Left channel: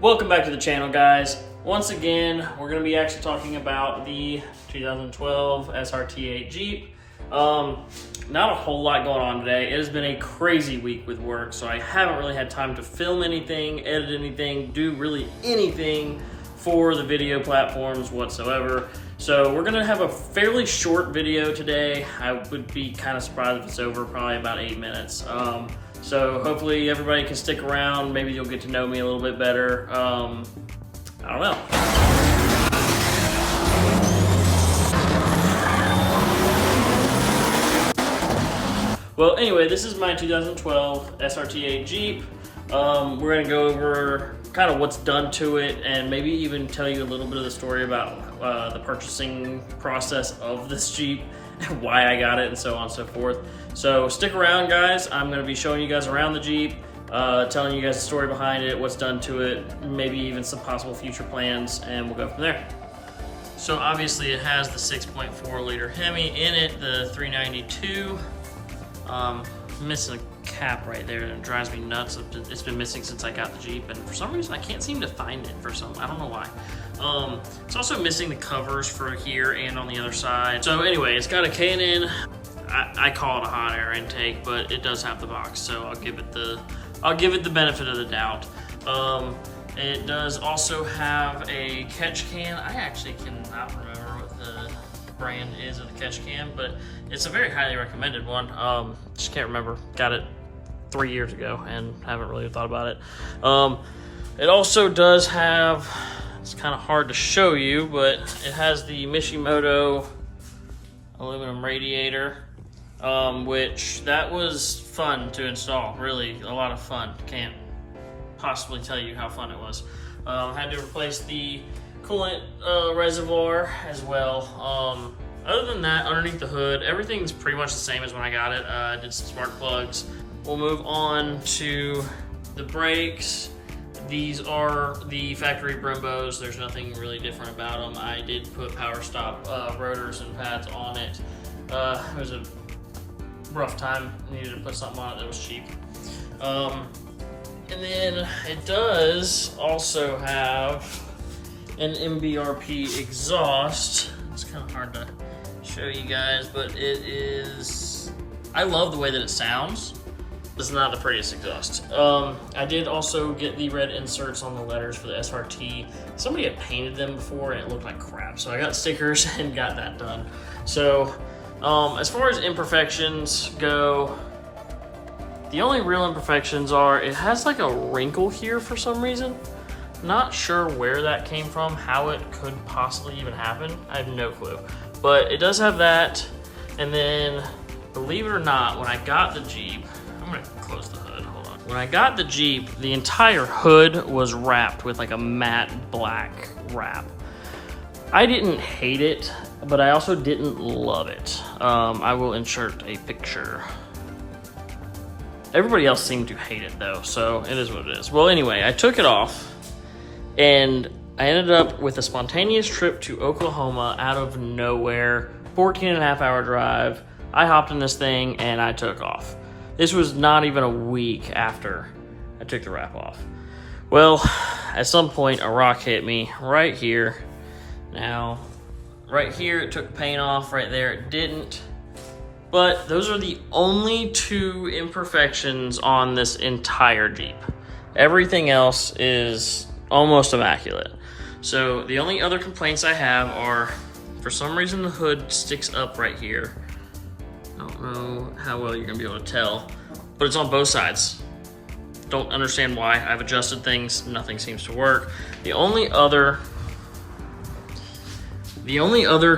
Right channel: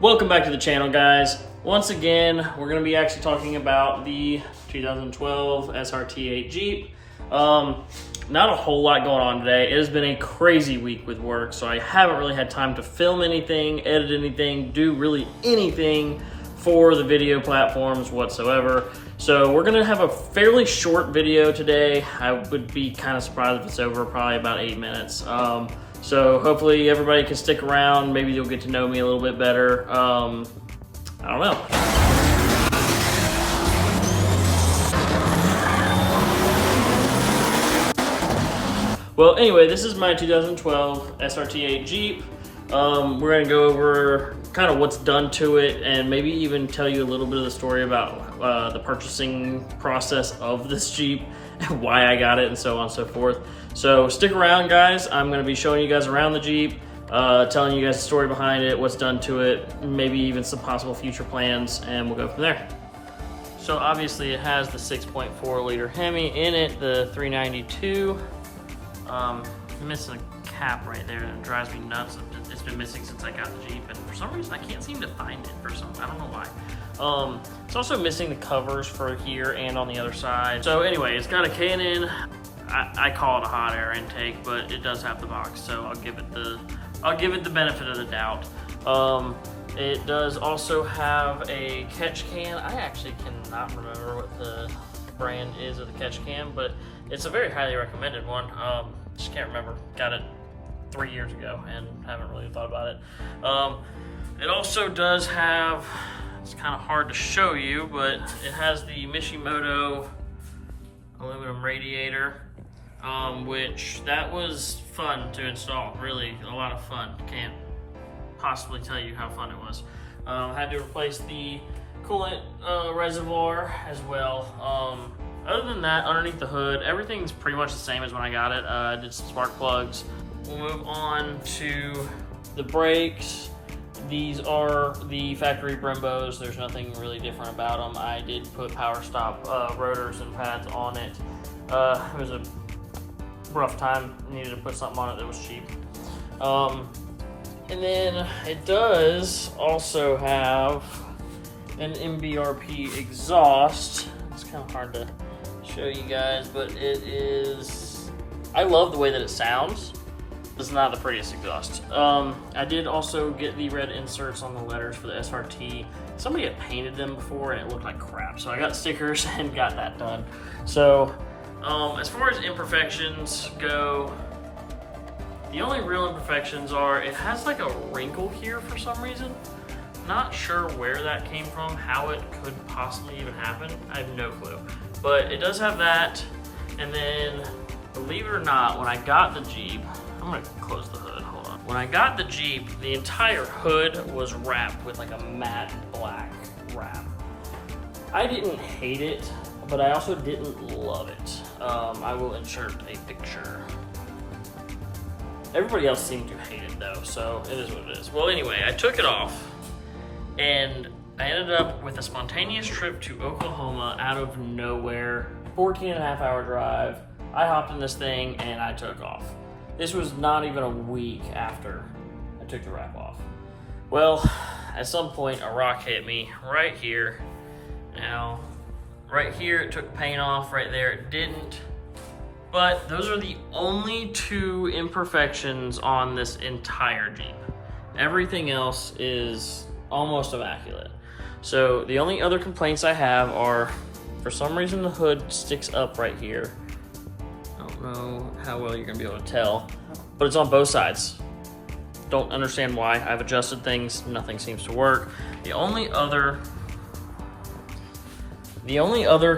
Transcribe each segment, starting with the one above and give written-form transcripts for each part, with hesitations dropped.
Welcome back to the channel, guys. Once again, we're going to be actually talking about the 2012 SRT8 Jeep. Not a whole lot going on today. It has been a crazy week with work, so I haven't really had time to film anything, edit anything, do really anything for the video platforms whatsoever. So we're gonna have a fairly short video today. I would be kind of surprised if it's over probably about 8 minutes. So hopefully everybody can stick around. Maybe you'll get to know me a little bit better. I don't know. Well, anyway, this is my 2012 SRT8 Jeep. We're gonna go over kind of what's done to it and maybe even tell you a little bit of the story about the purchasing process of this Jeep and why I got it and so on and so forth. So stick around, guys. I'm gonna be showing you guys around the Jeep, telling you guys the story behind it, what's done to it, maybe even some possible future plans, and we'll go from there. So obviously it has the 6.4 liter Hemi in it, the 392. Missing a cap right there and it drives me nuts. It's been missing since I got the Jeep, and for some reason I can't seem to find it I don't know why. It's also missing the covers for here and on the other side. So anyway, it's got a K&N. I call it a hot air intake, but it does have the box, so I'll give it the benefit of the doubt. It does also have a catch can. I actually cannot remember what the brand is of the catch can, but it's a very highly recommended one. Just can't remember. Got it 3 years ago and haven't really thought about it. It also does have, it's kind of hard to show you, but it has the Mishimoto aluminum radiator, which that was fun to install. Really a lot of fun. Can't possibly tell you how fun it was. Had to replace the coolant reservoir as well. Other than that, underneath the hood, everything's pretty much the same as when I got it. I did some spark plugs. We'll move on to the brakes. These are the factory Brembos. There's nothing really different about them. I did put power stop rotors and pads on it. It was a rough time. Needed to put something on it that was cheap. And then it does also have an MBRP exhaust. It's kind of hard to show you guys, but it is, I love the way that it sounds. It's not the prettiest exhaust. I did also get the red inserts on the letters for the SRT. Somebody had painted them before and it looked like crap, so I got stickers and got that done. So as far as imperfections go, the only real imperfections are it has like a wrinkle here for some reason. Not sure where that came from, how it could possibly even happen. I have no clue. But it does have that. And then, believe it or not, when I got the Jeep, I'm gonna close the hood, hold on. When I got the Jeep, the entire hood was wrapped with like a matte black wrap. I didn't hate it, but I also didn't love it. I will insert a picture. Everybody else seemed to hate it though, so it is what it is. Well, anyway, I took it off. And I ended up with a spontaneous trip to Oklahoma out of nowhere, 14.5-hour drive. I hopped in this thing and I took off. This was not even a week after I took the wrap off. Well, at some point a rock hit me right here. Now, right here it took paint off, right there it didn't. But those are the only two imperfections on this entire Jeep. Everything else is almost immaculate. So the only other complaints I have are, for some reason the hood sticks up right here. I don't know how well you're gonna be able to tell, but it's on both sides. Don't understand why. I've adjusted things, nothing seems to work. The only other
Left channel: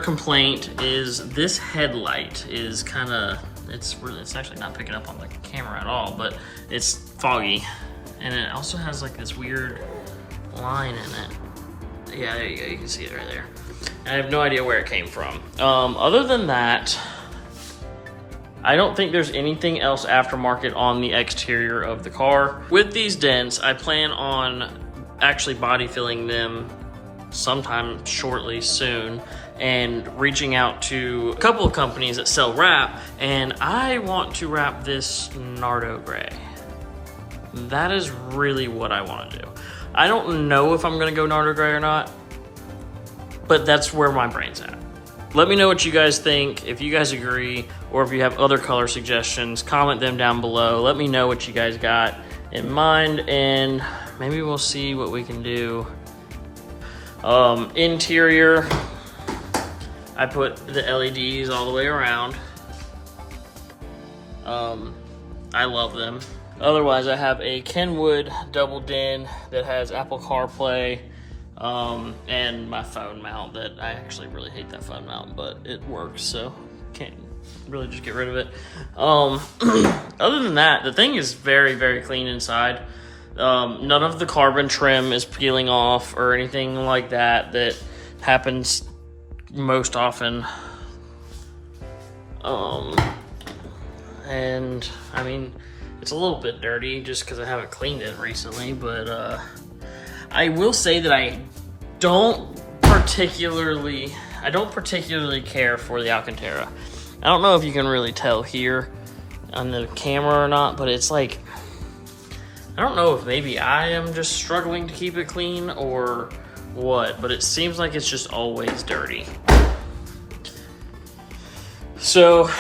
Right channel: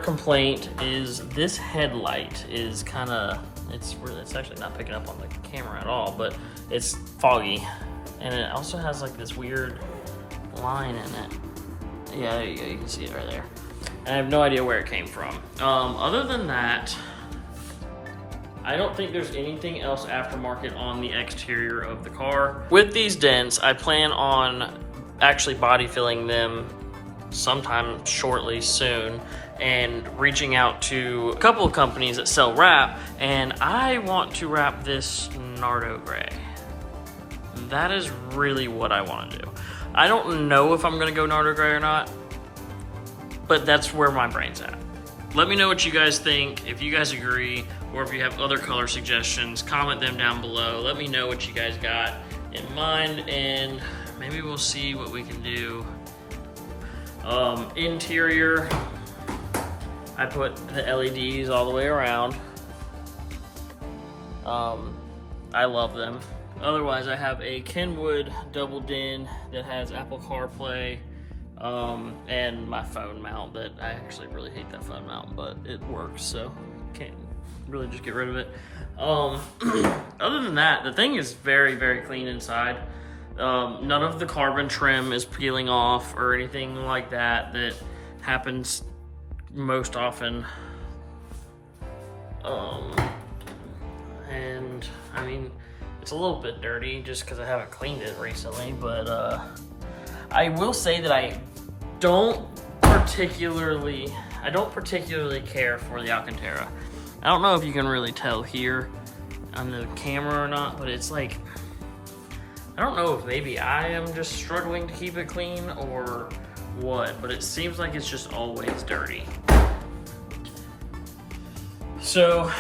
complaint is this headlight is it's actually not picking up on the camera at all, but it's foggy. And it also has like this weird line in it. Yeah, there you go, you can see it right there. And I have no idea where it came from. Other than that, I don't think there's anything else aftermarket on the exterior of the car. With these dents, I plan on actually body filling them sometime shortly soon and reaching out to a couple of companies that sell wrap, and I want to wrap this Nardo gray. that is really what I want to do. I don't know if I'm going to go Nardo Gray or not, but that's where my brain's at. Let me know what you guys think, if you guys agree, or if you have other color suggestions, comment them down below. Let me know what you guys got in mind, and maybe we'll see what we can do. Interior, I put the LEDs all the way around. I love them. Otherwise, I have a Kenwood double din that has Apple CarPlay, and my phone mount that I actually really hate that phone mount, but it works, so can't really just get rid of it. Other than that, the thing is very, very clean inside. None of the carbon trim is peeling off or anything like that happens most often. And I mean, it's a little bit dirty just because I haven't cleaned it recently, but I will say that I don't particularly care for the Alcantara. I don't know if you can really tell here on the camera or not, but it's like, I don't know if maybe I am just struggling to keep it clean or what, but it seems like it's just always dirty. So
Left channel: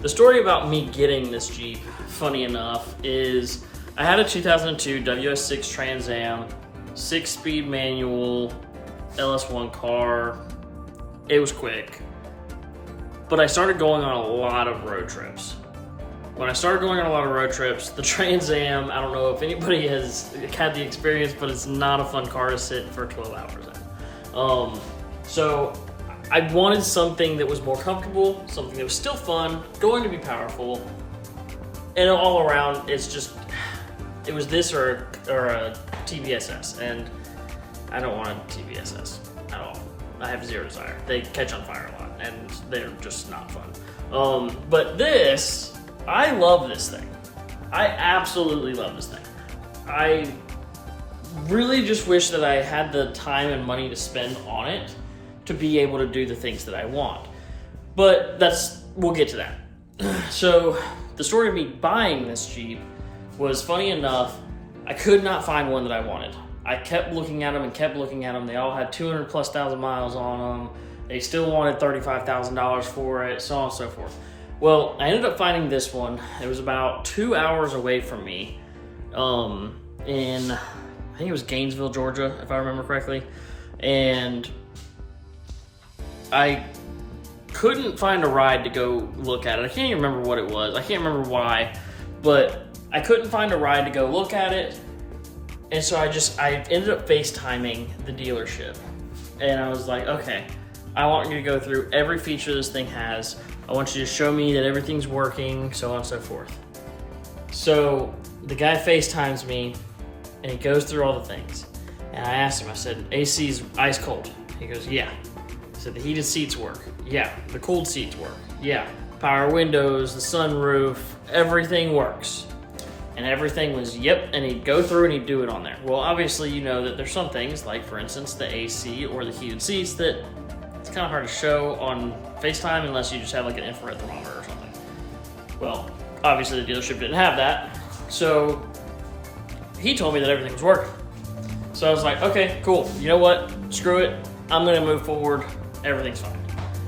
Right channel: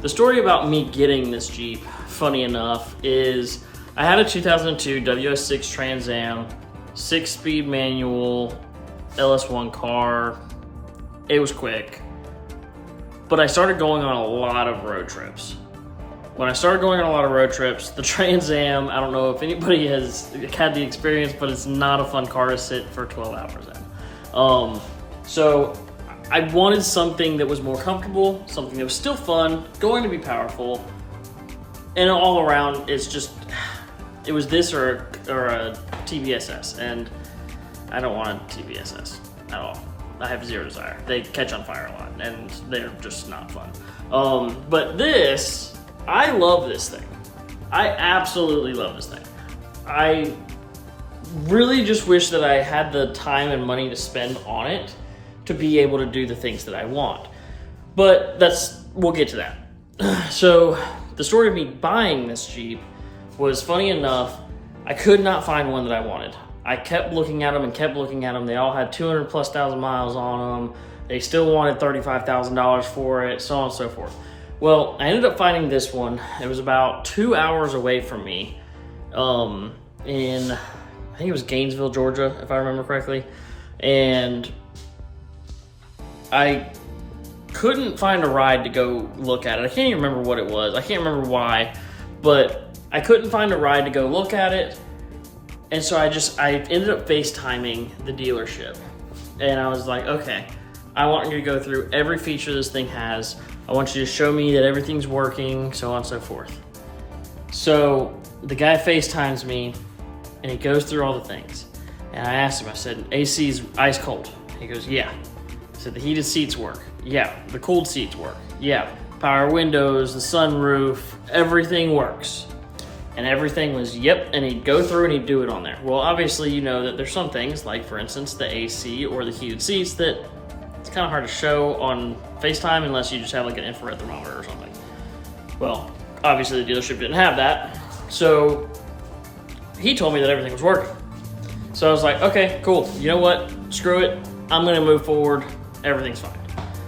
the story about me getting this Jeep, funny enough, is I had a 2002 WS6 Trans Am, 6-speed manual, LS1 car. It was quick, but I started going on a lot of road trips. When I started going on a lot of road trips, the Trans Am, I don't know if anybody has had the experience, but it's not a fun car to sit for 12 hours in. So I wanted something that was more comfortable, something that was still fun, going to be powerful, and all around, it was this or a TVSS, and I don't want a TVSS at all. I have zero desire. They catch on fire a lot, and they're just not fun. But this, I love this thing. I absolutely love this thing. I really just wish that I had the time and money to spend on it to be able to do the things that I want. But we'll get to that. So the story of me buying this Jeep was, funny enough, I could not find one that I wanted. I kept looking at them and kept looking at them. They all had 200,000+ miles on them. They still wanted $35,000 for it, so on and so forth. Well, I ended up finding this one. It was about 2 hours away from me, in, I think it was Gainesville, Georgia, if I remember correctly. And I couldn't find a ride to go look at it. I can't even remember what it was. I can't remember why, but I couldn't find a ride to go look at it. And so I ended up FaceTiming the dealership. And I was like, okay, I want you to go through every feature this thing has. I want you to show me that everything's working, so on and so forth. So the guy FaceTimes me, and he goes through all the things. And I asked him, I said, AC's ice cold. He goes, yeah. I said, the heated seats work. Yeah. The cooled seats work. Yeah. Power windows, the sunroof, everything works. And everything was, yep, and he'd go through and he'd do it on there. Well, obviously, you know that there's some things, like, for instance, the AC or the heated seats, that it's kind of hard to show on FaceTime unless you just have, like, an infrared thermometer or something. Well, obviously, the dealership didn't have that. So he told me that everything was working. So I was like, okay, cool. You know what? Screw it. I'm going to move forward. Everything's fine.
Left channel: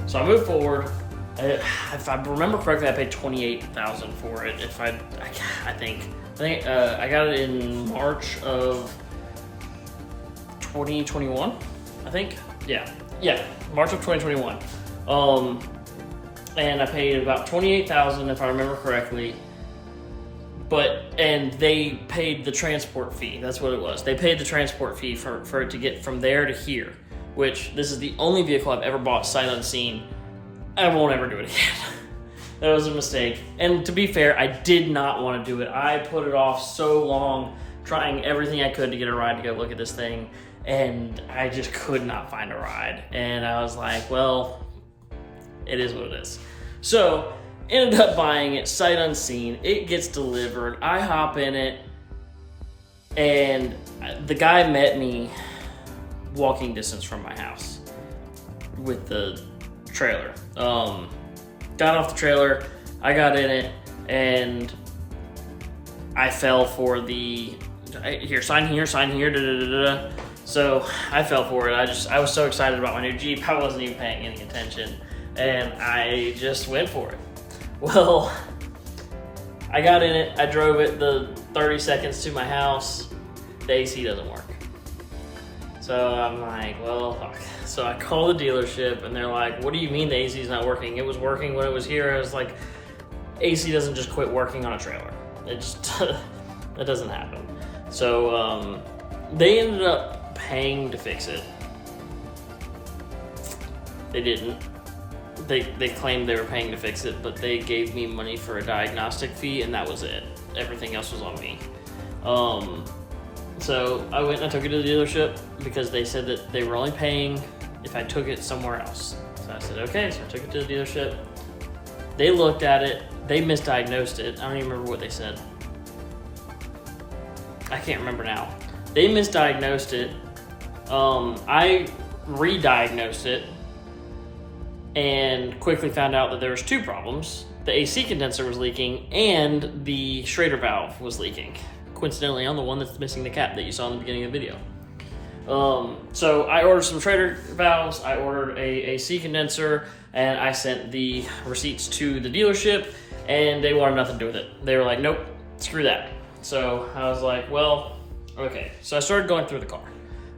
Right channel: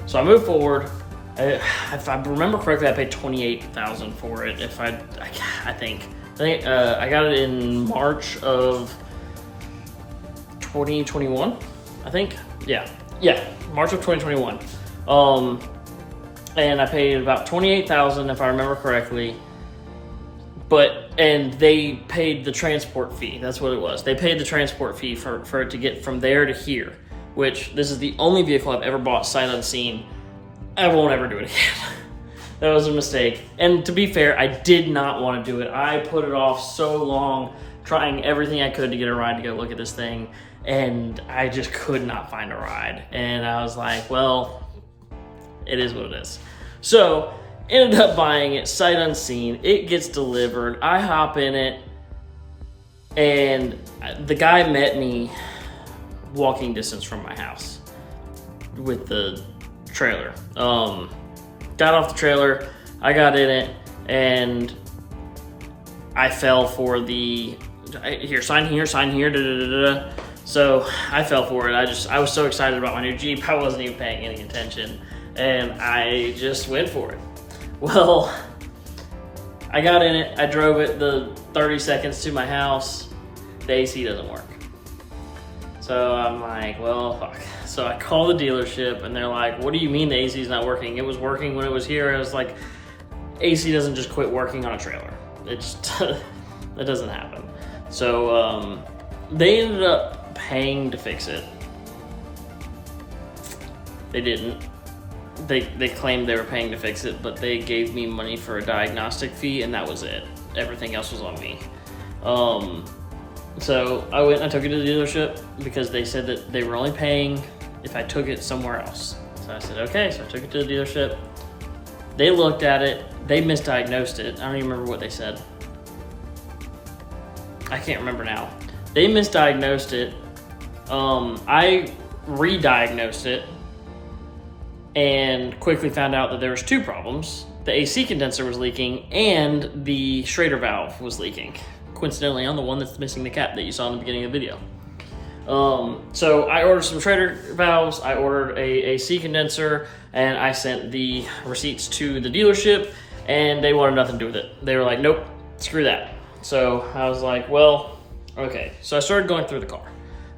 So I moved forward. If I remember correctly, I paid $28,000 for it. I think I got it in March of 2021. I think, yeah, March of 2021. And I paid about $28,000 if I remember correctly. And they paid the transport fee. That's what it was. They paid the transport fee for it to get from there to here. Which, this is the only vehicle I've ever bought sight unseen. I won't ever do it again. That was a mistake. And to be fair, I did not want to do it. I put it off so long, trying everything I could to get a ride to go look at this thing, and I just could not find a ride. And I was like, well, it is what it is. So, ended up buying it sight unseen. It gets delivered. I hop in it, and the guy met me walking distance from my house with the trailer. Got off the trailer, I got in it, and I fell for the, here, sign here, da, da, da, da. So I fell for it. I was so excited about my new Jeep, I wasn't even paying any attention, and I just went for it. Well, I got in it, I drove it the 30 seconds to my house, the AC doesn't work. So I'm like, well, fuck. So I call the dealership and they're like, what do you mean the AC is not working? It was working when it was here. I was like, AC doesn't just quit working on a trailer. It just, that doesn't happen. So they ended up paying to fix it. They didn't. They claimed they were paying to fix it, but they gave me money for a diagnostic fee, and that was it. Everything else was on me. So I went and I took it to the dealership because they said that they were only paying if I took it somewhere else. So I said, okay, so I took it to the dealership. They looked at it, they misdiagnosed it. I don't even remember what they said. I can't remember now. They misdiagnosed it. I re-diagnosed it and quickly found out that there was two problems. The AC condenser was leaking and the Schrader valve was leaking. Coincidentally, I'm the one that's missing the cap that you saw in the beginning of the video. So I ordered some Schrader valves, I ordered a AC condenser, and I sent the receipts to the dealership, and they wanted nothing to do with it. They were like, nope, screw that. So I was like, well, okay. So I started going through the car.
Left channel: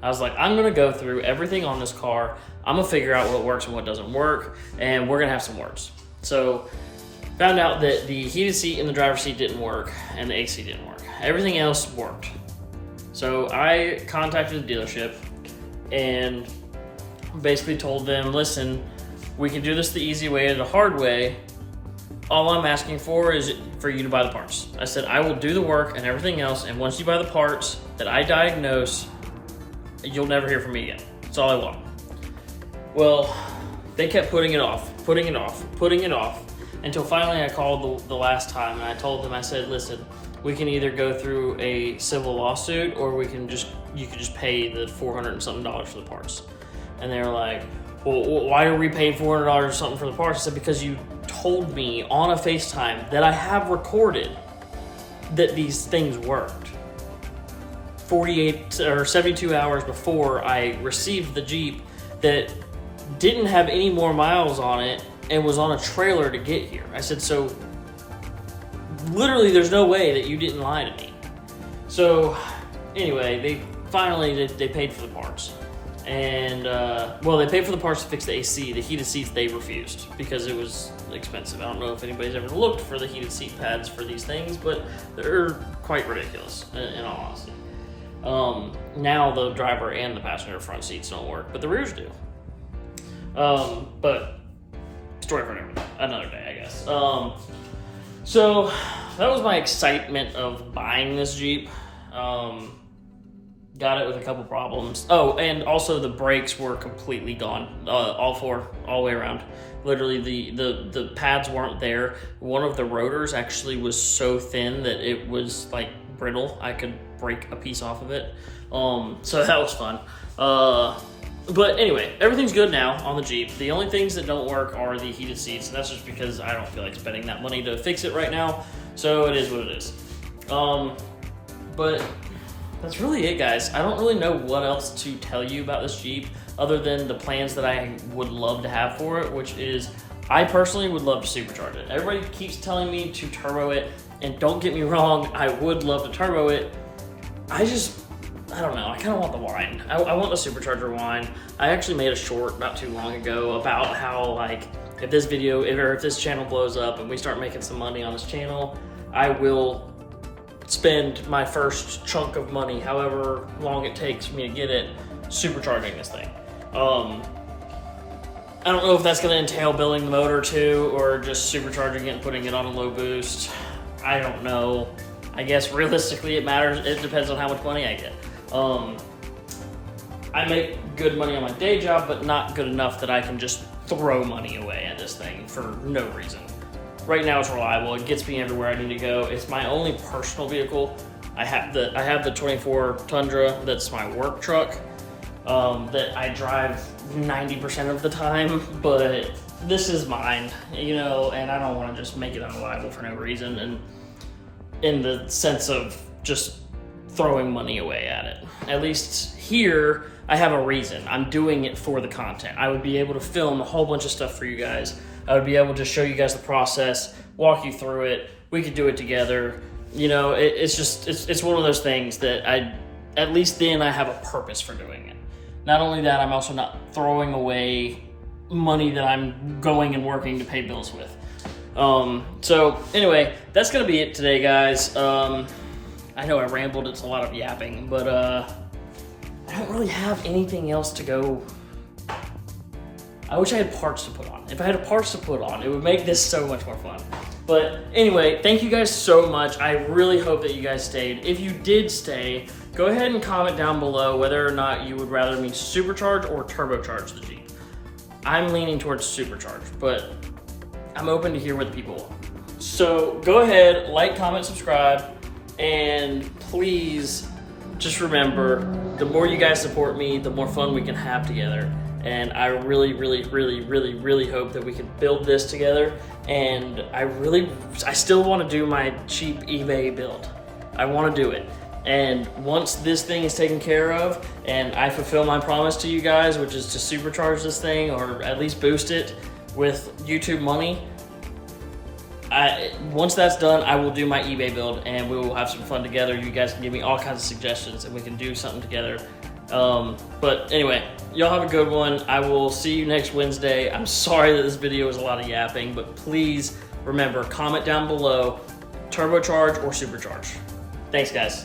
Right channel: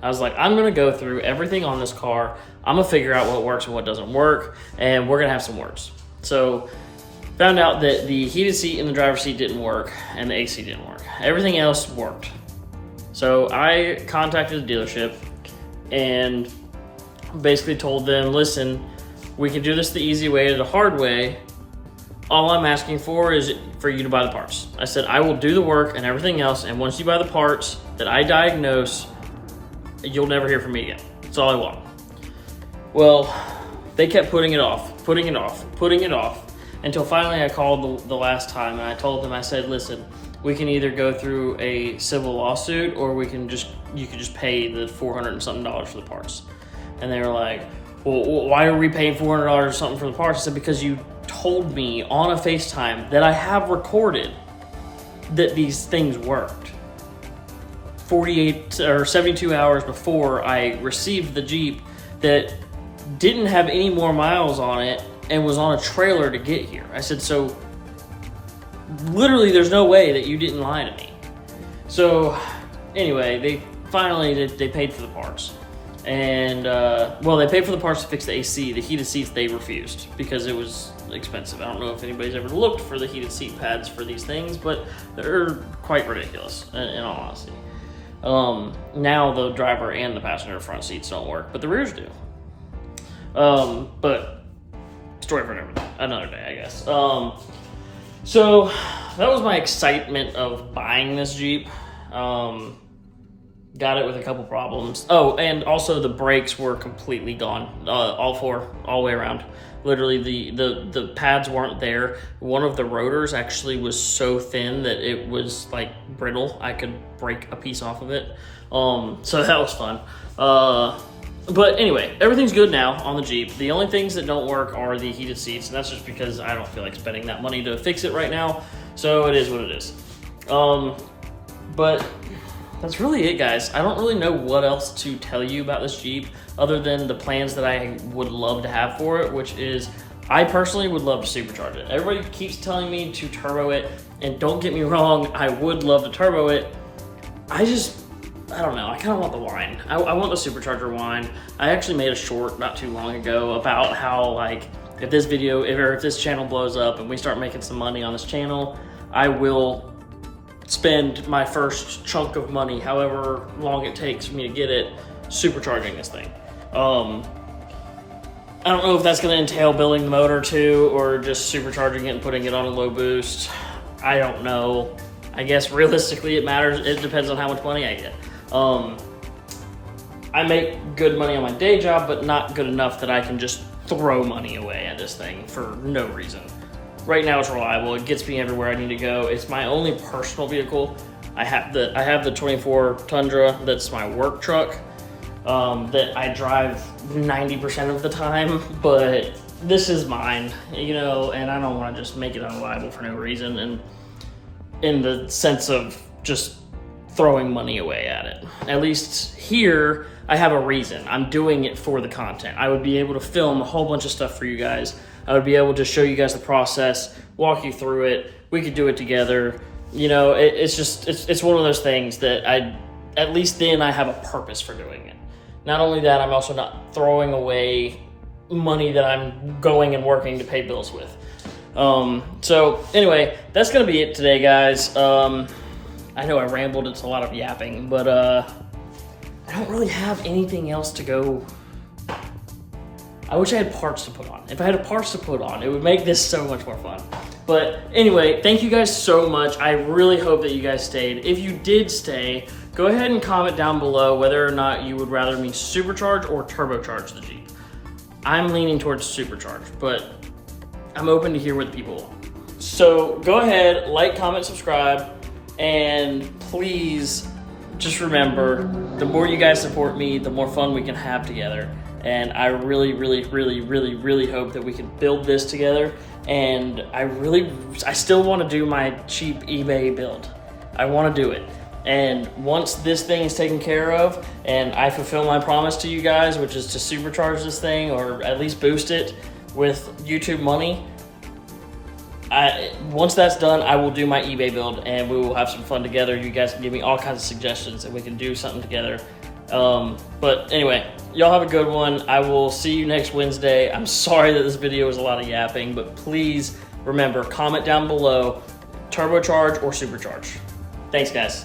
I was like, I'm gonna go through everything on this car. I'm gonna figure out what works and what doesn't work, and we're gonna have some words. So found out that the heated seat in the driver's seat didn't work and the AC didn't work. Everything else worked. So I contacted the dealership and basically told them, listen, we can do this the easy way or the hard way. All I'm asking for is for you to buy the parts. I said, I will do the work and everything else, and once you buy the parts that I diagnose, you'll never hear from me again. That's all I want. Well, they kept putting it off, until finally I called the last time and I told them, I said, listen, we can either go through a civil lawsuit or you can just pay the $400 and something for the parts. And they were like, well, why are we paying $400 or something for the parts? I said, because you told me on a FaceTime that I have recorded that these things worked 48 or 72 hours before I received the Jeep, that didn't have any more miles on it and was on a trailer to get here. I said, so literally there's no way that you didn't lie to me. So anyway, they finally paid for the parts. And well, they paid for the parts to fix the AC. The heated seats they refused because it was expensive. I don't know if anybody's ever looked for the heated seat pads for these things, but they're quite ridiculous in all honesty. Now the driver and the passenger front seats don't work, but the rears do. But story for another day, I guess. So that was my excitement of buying this Jeep. Got it with a couple problems. Oh, and also the brakes were completely gone. All four, all the way around. Literally the pads weren't there. One of the rotors actually was so thin that it was like brittle. I could break a piece off of it. So that was fun. But anyway, everything's good now on the Jeep. The only things that don't work are the heated seats, and that's just because I don't feel like spending that money to fix it right now. So it is what it is. But that's really it, guys. I don't really know what else to tell you about this Jeep other than the plans that I would love to have for it, which is I personally would love to supercharge it. Everybody keeps telling me to turbo it, and don't get me wrong, I would love to turbo it. I don't know, I kind of want the whine. I want the supercharger whine. I actually made a short not too long ago about how, like, if this video, if this channel blows up and we start making some money on this channel, I will spend my first chunk of money, however long it takes for me to get it, supercharging this thing. I don't know if that's going to entail building the motor too, or just supercharging it and putting it on a low boost. I don't know. I guess realistically it matters. It depends on how much money I get. I make good money on my day job, but not good enough that I can just throw money away at this thing for no reason. Right now it's reliable. It gets me everywhere I need to go. It's my only personal vehicle. I have the 24 Tundra. That's my work truck that I drive 90% of the time, but this is mine, you know, and I don't want to just make it unreliable for no reason. And in the sense of just throwing money away at it. At least here, I have a reason. I'm doing it for the content. I would be able to film a whole bunch of stuff for you guys. I would be able to show you guys the process, walk you through it. We could do it together. You know, it's one of those things that at least then I have a purpose for doing it. Not only that, I'm also not throwing away money that I'm going and working to pay bills with. So anyway, that's gonna be it today, guys. I know I rambled, it's a lot of yapping, but I don't really have anything else to go. I wish I had parts to put on. If I had parts to put on, it would make this so much more fun. But anyway, thank you guys so much. I really hope that you guys stayed. If you did stay, go ahead and comment down below whether or not you would rather me supercharge or turbocharge the Jeep. I'm leaning towards supercharge, but I'm open to hear what the people want. So go ahead, like, comment, subscribe, and please just remember, the more you guys support me, the more fun we can have together. And I really, really, really, really, really hope that we can build this together. And I still want to do my cheap eBay build. I want to do it. And once this thing is taken care of and I fulfill my promise to you guys, which is to supercharge this thing or at least boost it with YouTube money, once that's done, I will do my eBay build and we will have some fun together. You guys can give me all kinds of suggestions and we can do something together. But anyway, y'all have a good one. I will see you next Wednesday. I'm sorry that this video was a lot of yapping, but please remember, comment down below, turbocharge or supercharge. Thanks, guys.